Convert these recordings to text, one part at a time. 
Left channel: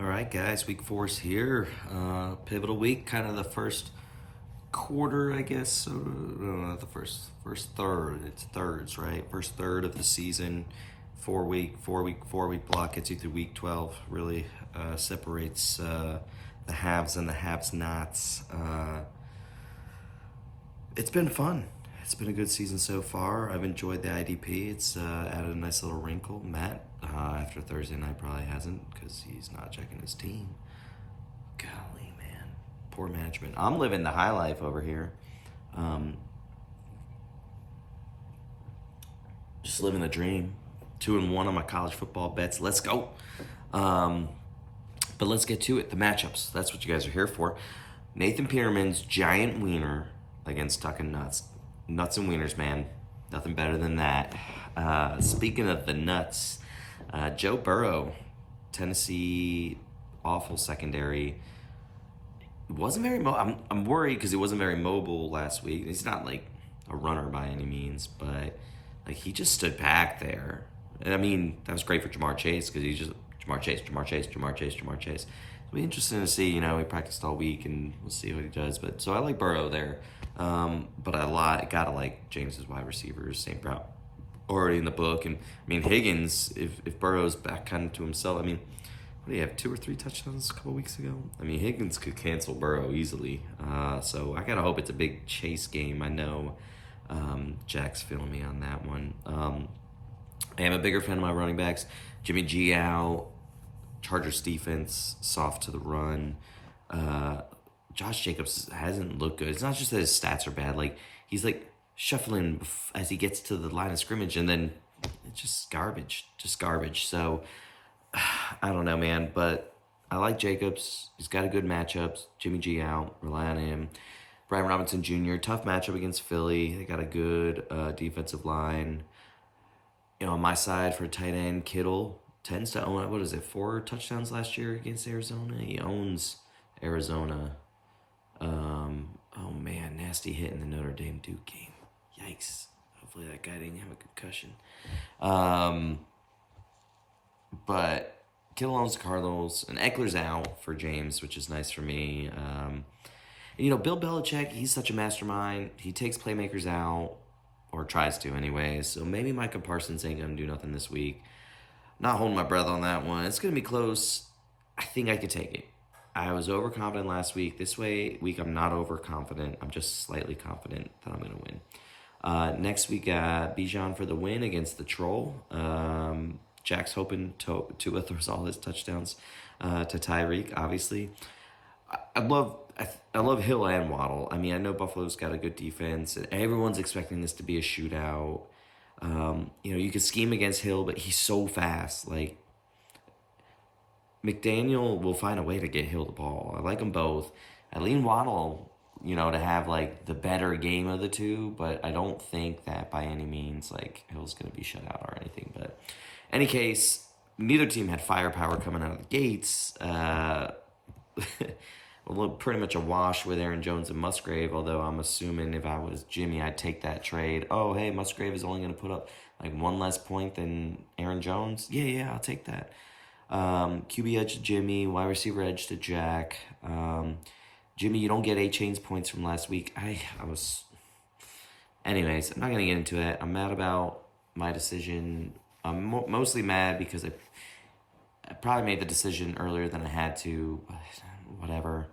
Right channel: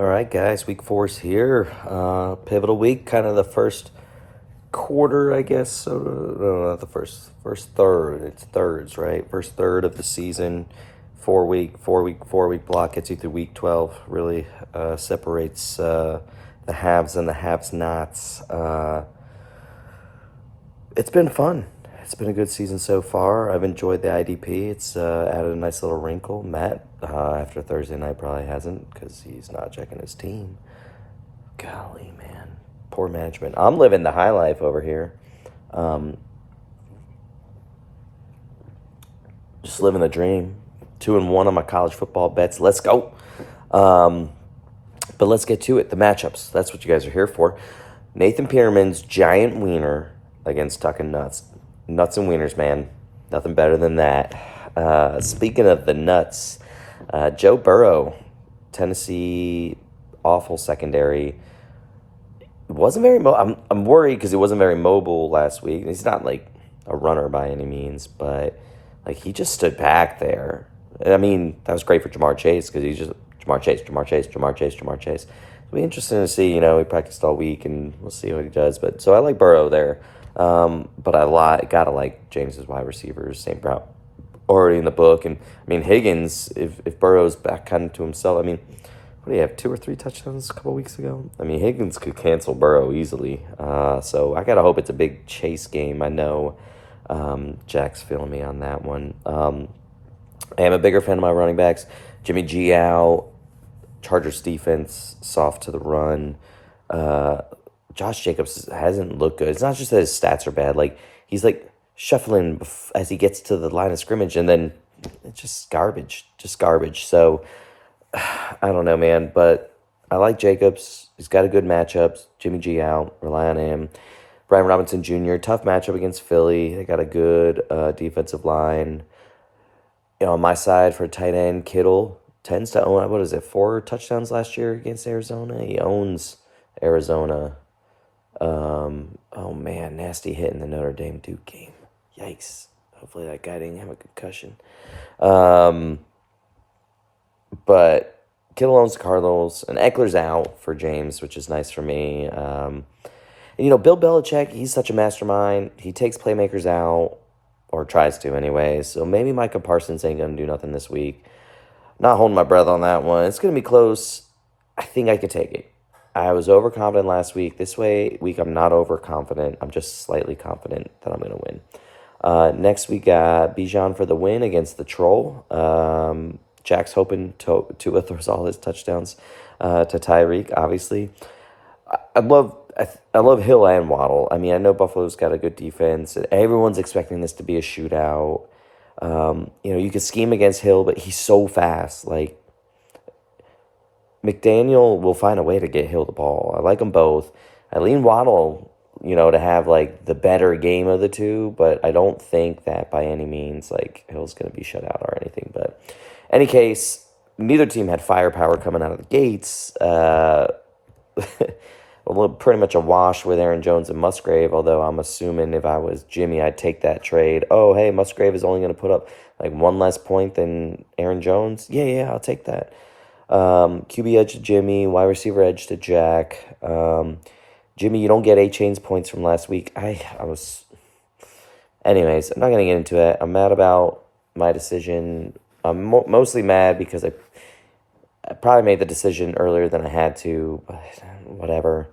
All right, guys, week four's here. Pivotal week, kind of the first quarter, I guess. So, no, not the first third. It's thirds, right? First third of the season. 4 week block gets you through week 12. Really separates the haves and the have-nots. It's been fun. It's been a good season so far. I've enjoyed the IDP. It's added a nice little wrinkle. Matt, after Thursday night, probably hasn't because he's not checking his team. Golly, man. Poor management. I'm living the high life over here. Just living the dream. 2-1 on my college football bets. Let's go. But let's get to it. The matchups. That's what you guys are here for. Nathan Peterman's giant wiener against Tuck and Nuts. Nuts and wieners, man. Nothing better than that. Speaking of the nuts, Joe Burrow, Tennessee, awful secondary. Wasn't very. I'm worried because he wasn't very mobile last week. He's not like a runner by any means, but like he just stood back there. I mean, that was great for Jamar Chase because he's just Jamar Chase. It'll be interesting to see. He practiced all week, and we'll see what he does. But so I like Burrow there. But gotta like James's wide receivers, St. Brown already in the book, and I mean Higgins. If Burrow's back kind of to himself, I mean, what do you have, 2 or 3 touchdowns a couple weeks ago? I mean Higgins could cancel Burrow easily. So I gotta hope it's a big chase game. I know Jack's feeling me on that one. I am a bigger fan of my running backs. Jimmy G out. Chargers defense soft to the run. Josh Jacobs hasn't looked good. It's not just that his stats are bad. Like, he's, like, shuffling as he gets to the line of scrimmage, and then it's just garbage. So, I don't know, man. But I like Jacobs. He's got a good matchup. Jimmy G out. Rely on him. Brian Robinson Jr., tough matchup against Philly. They got a good defensive line. On my side for tight end, Kittle tends to own, 4 touchdowns last year against Arizona? He owns Arizona. Oh man, nasty hit in the Notre Dame Duke game. Yikes. Hopefully that guy didn't have a concussion. But Kittle owns the Cardinals, and Eckler's out for James, which is nice for me. And Bill Belichick, he's such a mastermind. He takes playmakers out, or tries to anyway. So maybe Micah Parsons ain't going to do nothing this week. Not holding my breath on that one. It's going to be close. I think I could take it. I was overconfident last week. This week I'm not overconfident. I'm just slightly confident that I'm going to win. Next we got Bijan for the win against the Troll. Jack's hoping Tua throws all his touchdowns to Tyreek, obviously. I love Hill and Waddle. I mean, I know Buffalo's got a good defense. And everyone's expecting this to be a shootout. You could scheme against Hill, but he's so fast. Like, McDaniel will find a way to get Hill the ball. I like them both. I lean Waddle, to have, like, the better game of the two, but I don't think that by any means, like, Hill's going to be shut out or anything. But any case, neither team had firepower coming out of the gates. Pretty much a wash with Aaron Jones and Musgrave, although I'm assuming if I was Jimmy, I'd take that trade. Oh, hey, Musgrave is only going to put up, like, 1 less point than Aaron Jones. Yeah, I'll take that. QB edge to Jimmy, wide receiver edge to Jack. Jimmy, you don't get A-Chain's points from last week. Anyways, I'm not going to get into it. I'm mad about my decision. I'm mostly mad because I probably made the decision earlier than I had to, but whatever.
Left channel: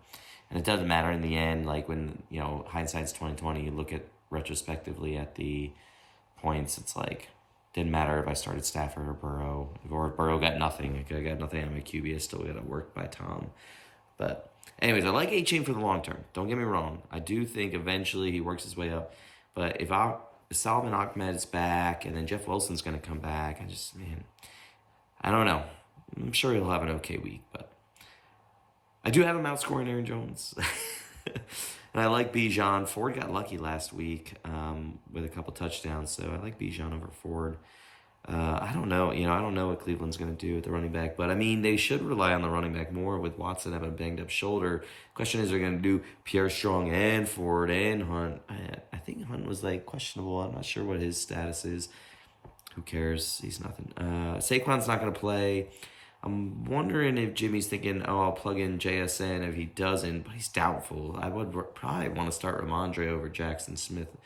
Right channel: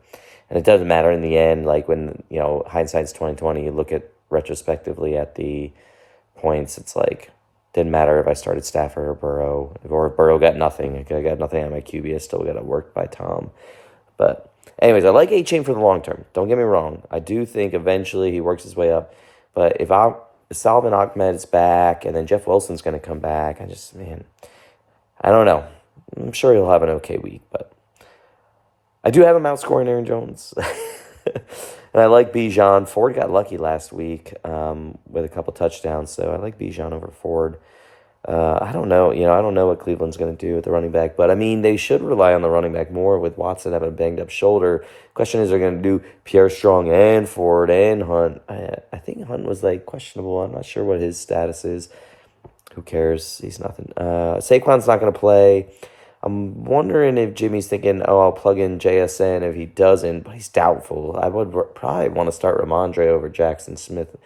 And it doesn't matter in the end. Like, when, hindsight's 20/20, you look at retrospectively at the points, it's like, didn't matter if I started Stafford or Burrow. Or if Burrow got nothing. I got nothing on my QB. I still got to work by Tom. But anyways, I like A-Chain for the long term. Don't get me wrong. I do think eventually he works his way up. But if Salvin Ahmed's back and then Jeff Wilson's going to come back, I don't know. I'm sure he'll have an okay week, but I do have him outscoring Aaron Jones. And I like Bijan. Ford got lucky last week with a couple touchdowns, so I like Bijan over Ford. I don't know. I don't know what Cleveland's going to do with the running back, but I mean, they should rely on the running back more with Watson having a banged up shoulder. Question is, they're going to do Pierre Strong and Ford and Hunt. I think Hunt was like questionable. I'm not sure what his status is. Who cares? He's nothing. Saquon's not going to play. I'm wondering if Jimmy's thinking, oh, I'll plug in JSN if he doesn't, but he's doubtful. I would probably want to start Ramondre over Jackson Smith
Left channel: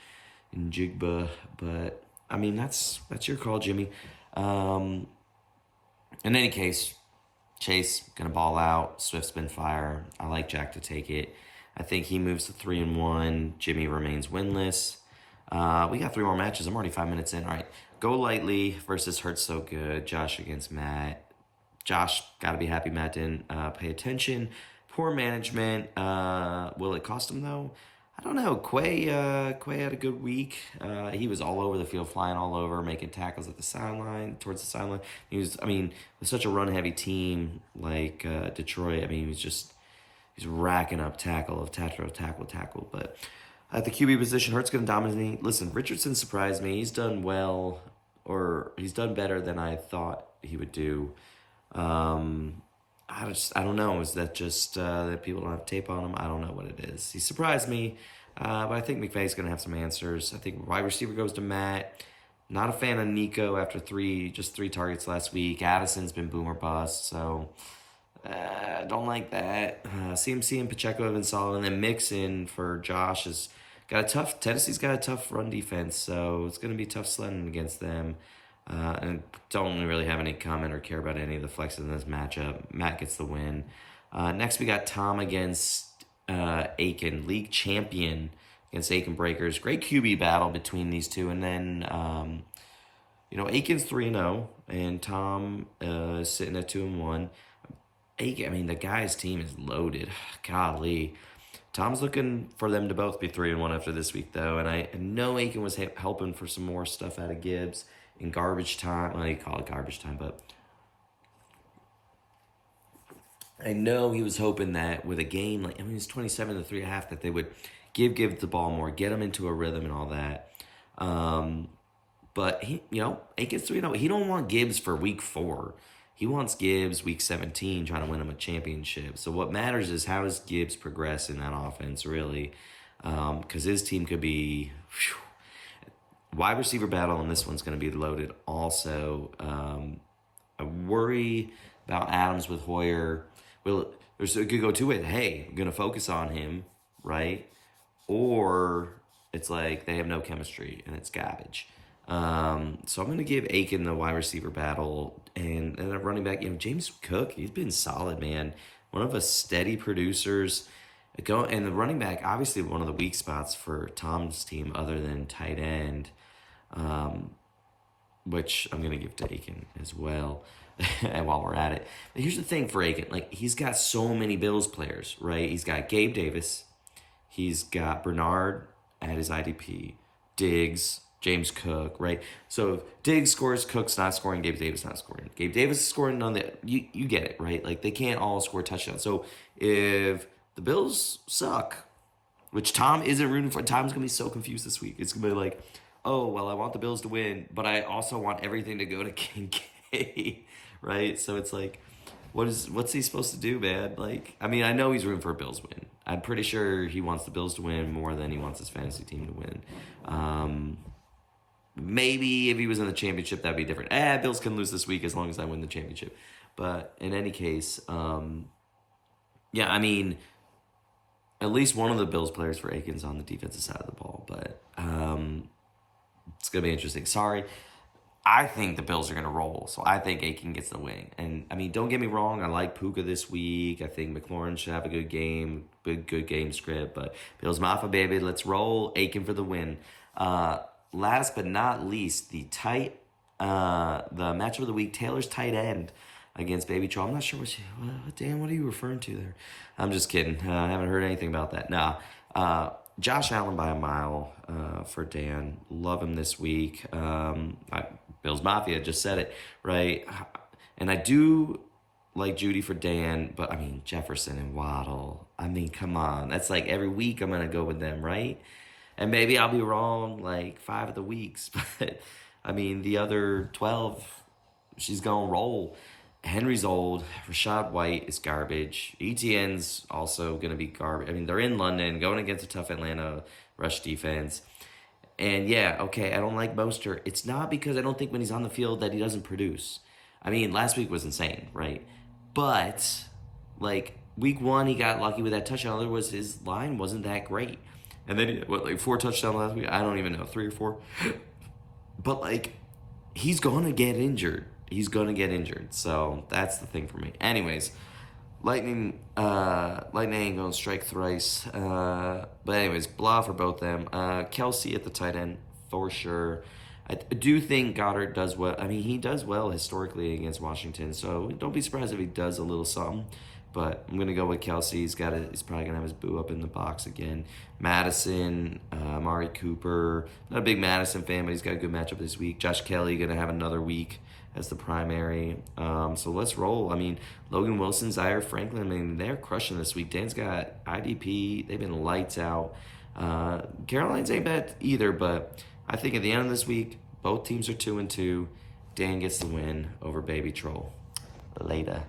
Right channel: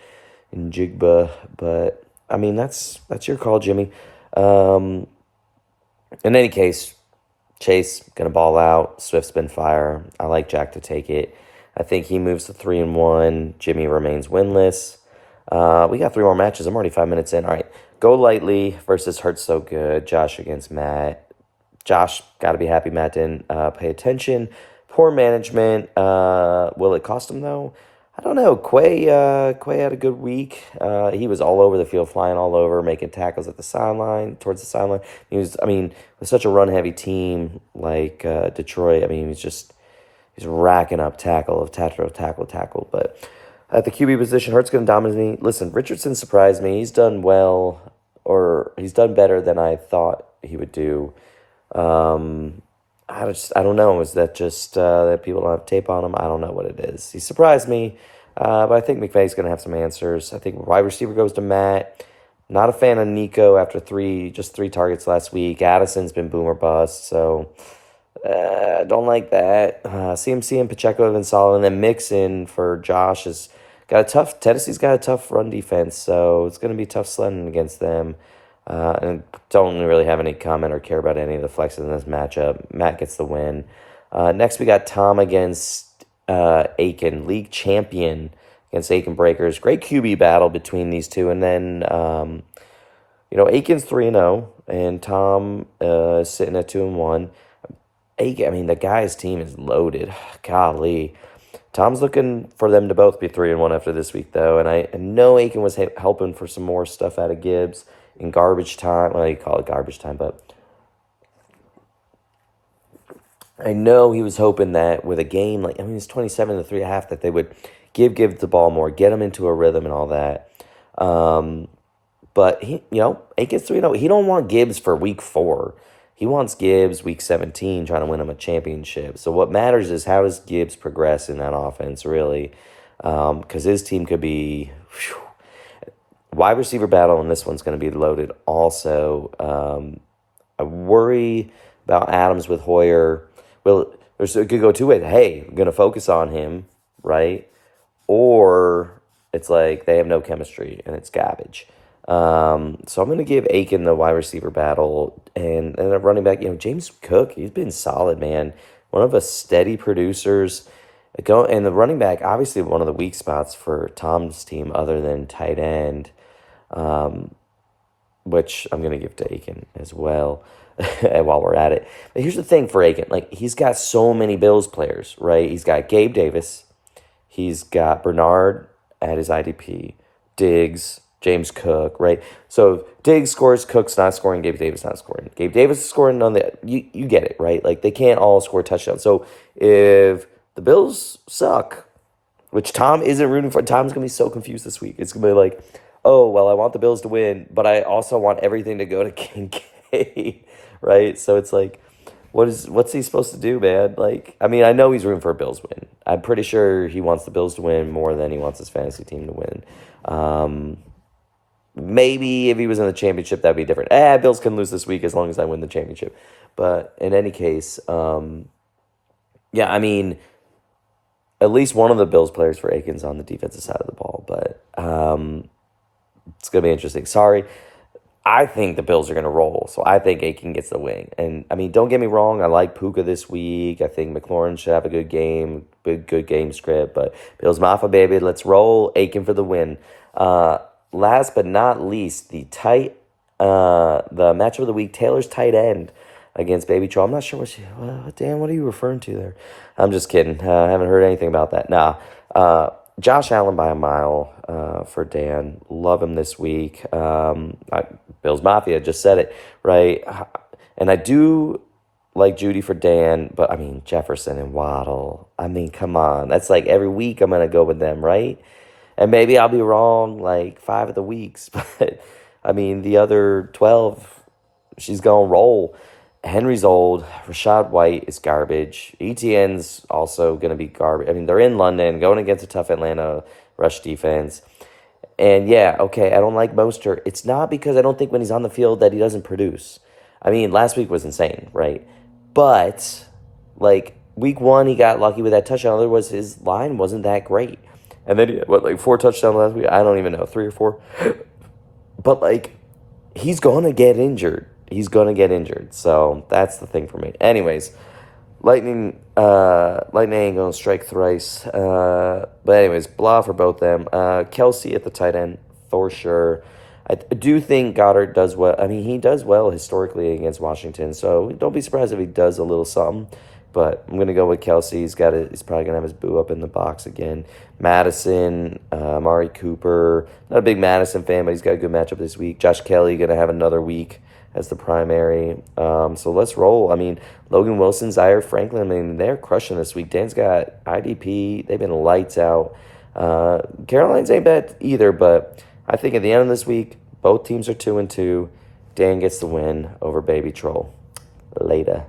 and Jigba, but I mean that's your call, Jimmy. Um, in any case, Chase gonna ball out. Swift's been fire. I like Jack to take it. I think he moves to 3-1. Jimmy remains winless. We got three more matches. I'm already 5 minutes in. All right, Go Lightly versus Hurts So Good. Josh against Matt. Josh got to be happy Matt didn't pay attention. Poor management. Will it cost him though? I don't know. Quay had a good week. He was all over the field, flying all over, making tackles at the sideline, towards the sideline. I mean, with such a run-heavy team like Detroit, I mean, he's racking up tackle. But at the QB position, Hurts going to dominate. Listen, Richardson surprised me. He's done well, or he's done better than I thought he would do. I don't know. Is that just that people don't have tape on him? I don't know what it is. He surprised me, but I think McVay's going to have some answers. I think wide receiver goes to Matt. Not a fan of Nico after three targets last week. Addison's been boomer bust, so don't like that. CMC and Pacheco have been solid, and then Mixon for Josh has got a tough. Tennessee's got a tough run defense, so it's going to be tough sledding against them. And don't really have any comment or care about any of the flexes in this matchup. Matt gets the win. Next, we got Tom against Aiken, league champion against Aiken Breakers. Great QB battle between these two. And then, Aiken's 3-0, and Tom is sitting at 2-1. Aiken, I mean, the guy's team is loaded. Golly. Tom's looking for them to both be 3-1 after this week, though. And I know Aiken was helping for some more stuff out of Gibbs in garbage time. Well, you call it garbage time, but I know he was hoping that with a game it's 27 to 3.5, that they would give the ball more, get him into a rhythm and all that. But Aiken's 3-0. He don't want Gibbs for week 4. He wants Gibbs week 17, trying to win him a championship. So what matters is how does Gibbs progress in that offense, really, because his team could be. Wide receiver battle, and this one's going to be loaded also. I worry about Adams with Hoyer. Well, it could go two ways. Hey, I'm going to focus on him, right? Or it's like they have no chemistry, and it's garbage. So I'm going to give Aiken the wide receiver battle. And a running back, James Cook, he's been solid, man. One of the steady producers. And the running back, obviously one of the weak spots for Tom's team other than tight end. Which I'm going to give to Aiken as well while we're at it. But here's the thing for Aiken. He's got so many Bills players, right? He's got Gabe Davis. He's got Bernard at his IDP. Diggs, James Cook, right? So Diggs scores, Cook's not scoring, Gabe Davis not scoring. Gabe Davis is scoring on the... You get it, right? They can't all score touchdowns. So if the Bills suck, which Tom isn't rooting for, Tom's going to be so confused this week. It's going to be like... Oh, well, I want the Bills to win, but I also want everything to go to Kincaid, right? So it's like, what's he supposed to do, man? I know he's rooting for a Bills win. I'm pretty sure he wants the Bills to win more than he wants his fantasy team to win. Maybe if he was in the championship, that'd be different. Bills can lose this week as long as I win the championship. But in any case, at least one of the Bills players for Aiken's on the defensive side of the ball, but... it's going to be interesting. Sorry. I think the Bills are going to roll, so I think Aiken gets the win. And, don't get me wrong. I like Puka this week. I think McLaurin should have a good game, good game script. But Bills Mafia, baby, let's roll. Aiken for the win. Last but not least, the matchup of the week, Taylor's tight end against Baby Troll. I'm not sure Dan, what are you referring to there? I'm just kidding. I haven't heard anything about that. Nah. Josh Allen by a mile for Dan. Love him this week. Bills Mafia just said it, right? And I do like Judy for Dan, but Jefferson and Waddle. Come on. That's every week I'm going to go with them, right? And maybe I'll be wrong 5 of the weeks, but the other 12, she's going to roll. Henry's old. Rashad White is garbage. ETN's also going to be garbage. They're in London, going against a tough Atlanta rush defense. And I don't like Mostert. It's not because I don't think when he's on the field that he doesn't produce. I mean, last week was insane, right? But like week one, he got lucky with that touchdown. Otherwise, his line wasn't that great. And then he had, what, like 4 touchdowns last week? I don't even know, 3 or 4. But like, he's gonna get injured. He's gonna get injured. So that's the thing for me. Anyways, Lightning ain't gonna strike thrice. But anyways, blah for both them. Kelsey at the tight end for sure. I do think Goddard does well. I mean, he does well historically against Washington, so don't be surprised if he does a little something. But I'm gonna go with Kelsey. He's probably gonna have his boo up in the box again. Madison, Amari Cooper. Not a big Madison fan, but he's got a good matchup this week. Josh Kelly gonna have another week as the primary. So let's roll. I mean, Logan Wilson, Zaire Franklin. I mean, they're crushing this week. Dan's got IDP. They've been lights out. Caroline's ain't bad either, but I think at the end of this week, both teams are 2-2. Dan gets the win over Baby Troll. Later.